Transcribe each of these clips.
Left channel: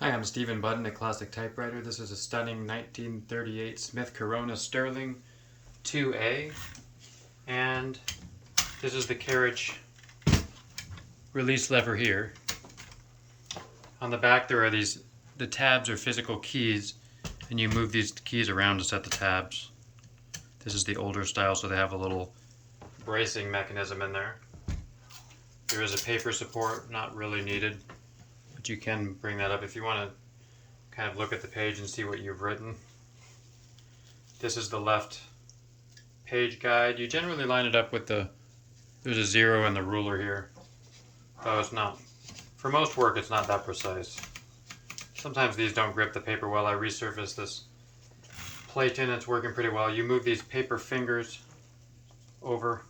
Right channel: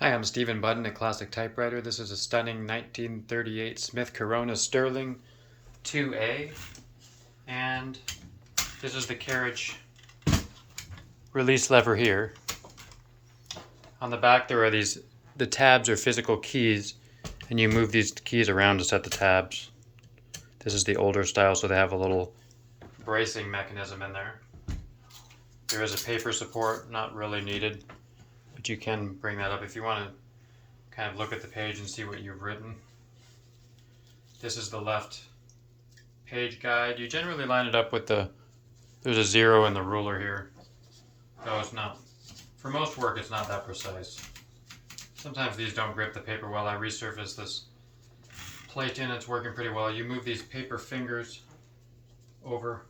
Hi, I'm Stephen Budden at Classic Typewriter. This is a stunning 1938 Smith Corona Sterling 2A, and this is the carriage release lever here. On the back there are the tabs are physical keys, and you move these keys around to set the tabs. This is the older style, so they have a little bracing mechanism in there. There is a paper support, not really needed, but you can bring that up if you want to kind of look at the page and see what you've written. This is the left page guide. You generally line it up with there's a 0 in the ruler here, though it's not, for most work it's not that precise. Sometimes these don't grip the paper well. I resurfaced this plate in, it's working pretty well. You move these paper fingers over,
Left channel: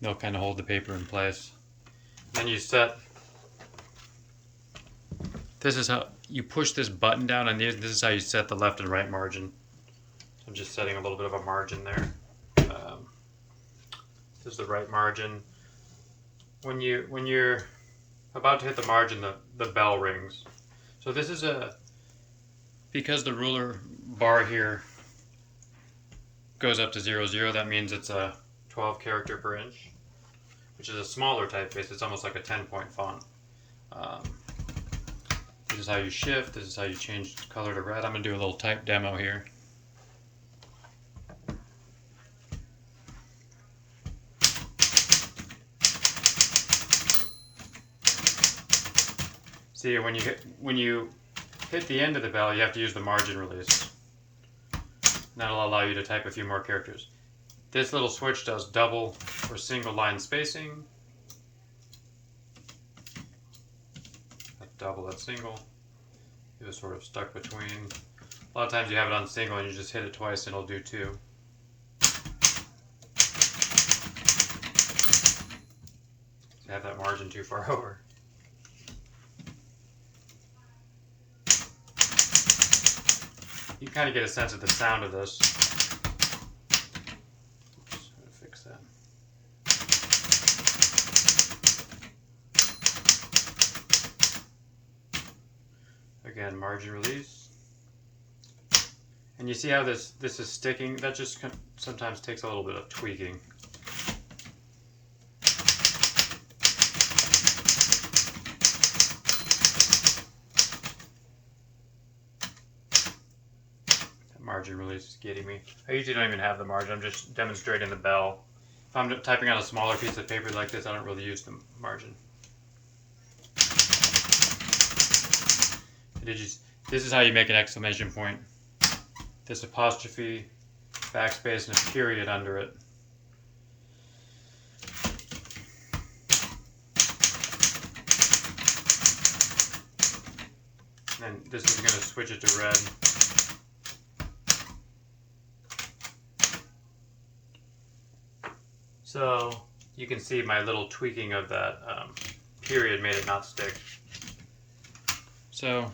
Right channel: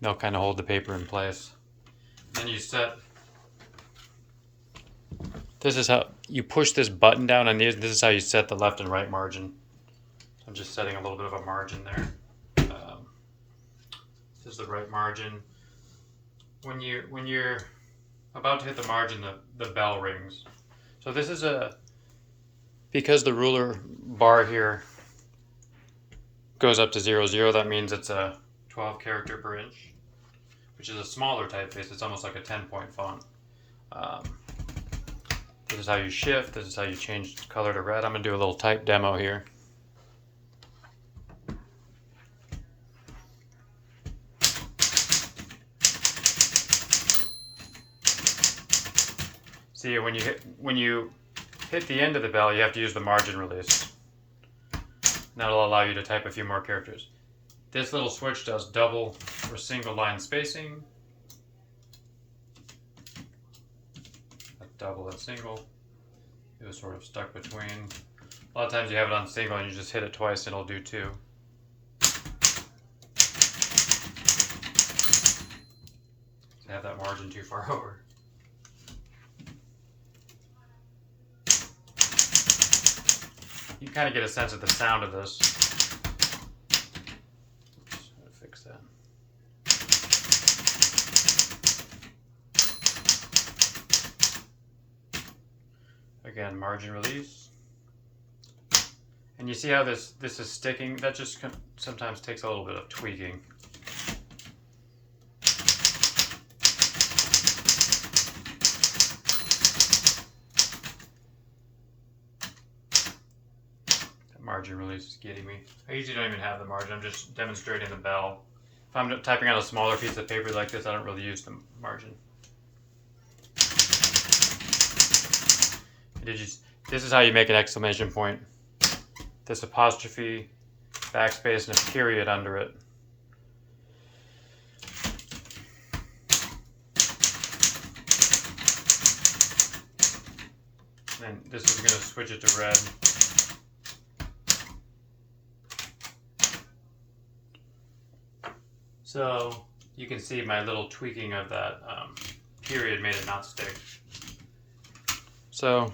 they'll kind of hold the paper in place. Then you set, this is how you push this button down on these. This is how you set the left and right margin. I'm just setting a little bit of a margin there. This is the right margin. When you're about to hit the margin, the bell rings. So this is because the ruler bar here goes up to 00, that means it's a 12 character per inch, which is a smaller typeface. It's almost like a 10-point font. This is how you shift. This is how you change color to red. I'm going to do a little type demo here. See, when you hit the end of the bell, you have to use the margin release. That'll allow you to type a few more characters. This little switch does double or single line spacing. That's double, that's single. It was sort of stuck between. A lot of times you have it on single and you just hit it twice and it'll do 2. So I have that margin too far over. You kind of get a sense of the sound of this. Oops, how to fix that. Again, margin release. And you see how this is sticking? That just sometimes takes a little bit of tweaking. Margin release is getting me. I usually don't even have the margin, I'm just demonstrating the bell. If I'm typing on a smaller piece of paper like this, I don't really use the margin. This is how you make an exclamation point. This apostrophe, backspace, and a period under it. And then this is going to switch it to red. So you can see my little tweaking of that period made it not stick. So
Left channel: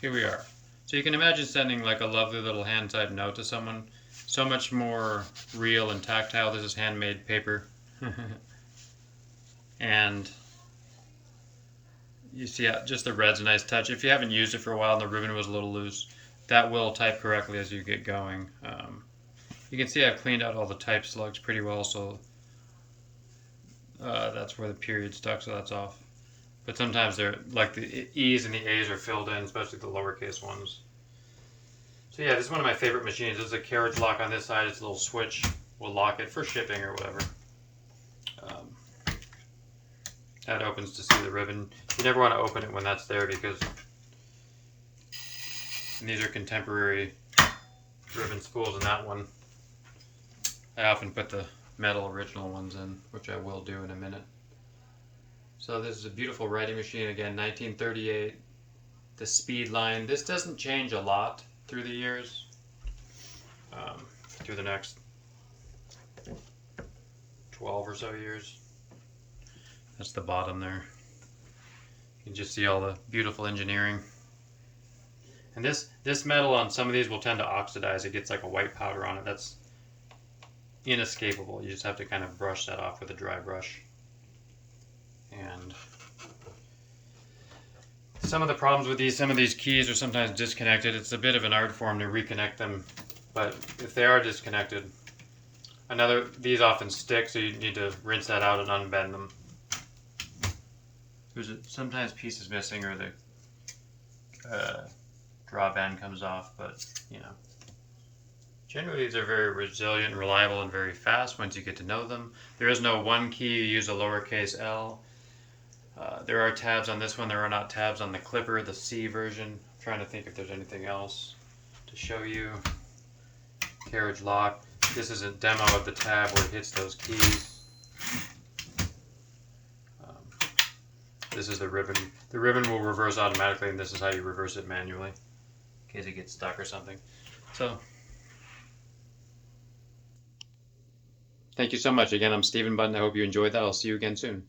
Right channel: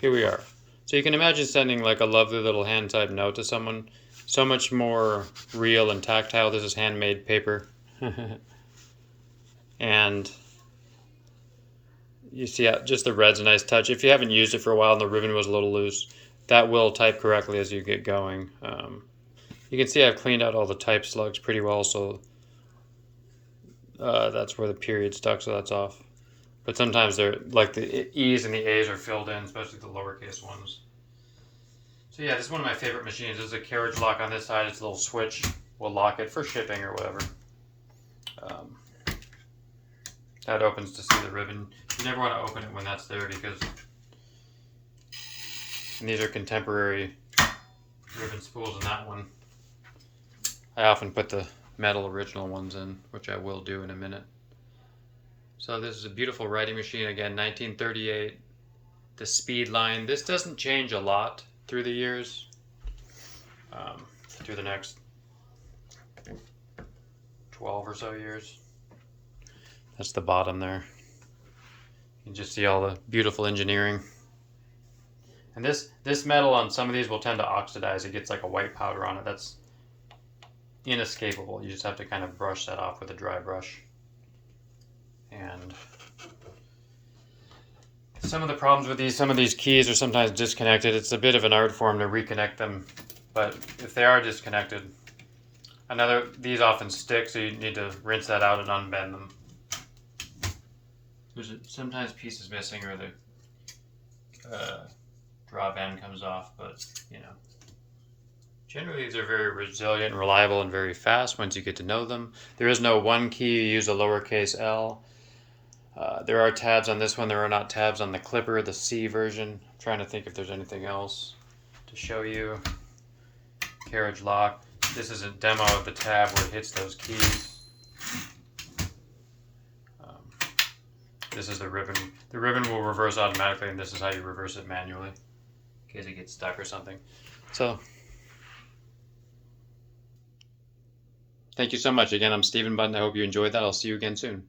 here we are. So you can imagine sending like a lovely little hand-typed note to someone. So much more real and tactile. This is handmade paper. And you see just the red's a nice touch. If you haven't used it for a while and the ribbon was a little loose, that will type correctly as you get going. You can see I've cleaned out all the type slugs pretty well, so that's where the period stuck, so that's off. But sometimes they're like the E's and the A's are filled in, especially the lowercase ones. So yeah, this is one of my favorite machines. There's a carriage lock on this side. It's a little switch. We'll lock it for shipping or whatever. That opens to see the ribbon. You never want to open it when that's there because these are contemporary ribbon spools, and that one I often put the metal original ones in, which I will do in a minute. So this is a beautiful writing machine, again, 1938. The speed line, this doesn't change a lot through the years, through the next 12 or so years. That's the bottom there. You can just see all the beautiful engineering. And this metal on some of these will tend to oxidize. It gets like a white powder on it. That's inescapable. You just have to kind of brush that off with a dry brush. And some of the problems with these, some of these keys are sometimes disconnected. It's a bit of an art form to reconnect them, but if they are disconnected, these often stick, so you need to rinse that out and unbend them. There's sometimes pieces missing or the draw band comes off, but you know. Generally, these are very resilient, reliable, and very fast once you get to know them. There is no one key. You use a lowercase l. There are tabs on this one. There are not tabs on the Clipper, the C version. I'm trying to think if there's anything else to show you. Carriage lock. This is a demo of the tab where it hits those keys. This is the ribbon. The ribbon will reverse automatically, and this is how you reverse it manually in case it gets stuck or something. So, thank you so much. Again, I'm Stephen Button. I hope you enjoyed that. I'll see you again soon.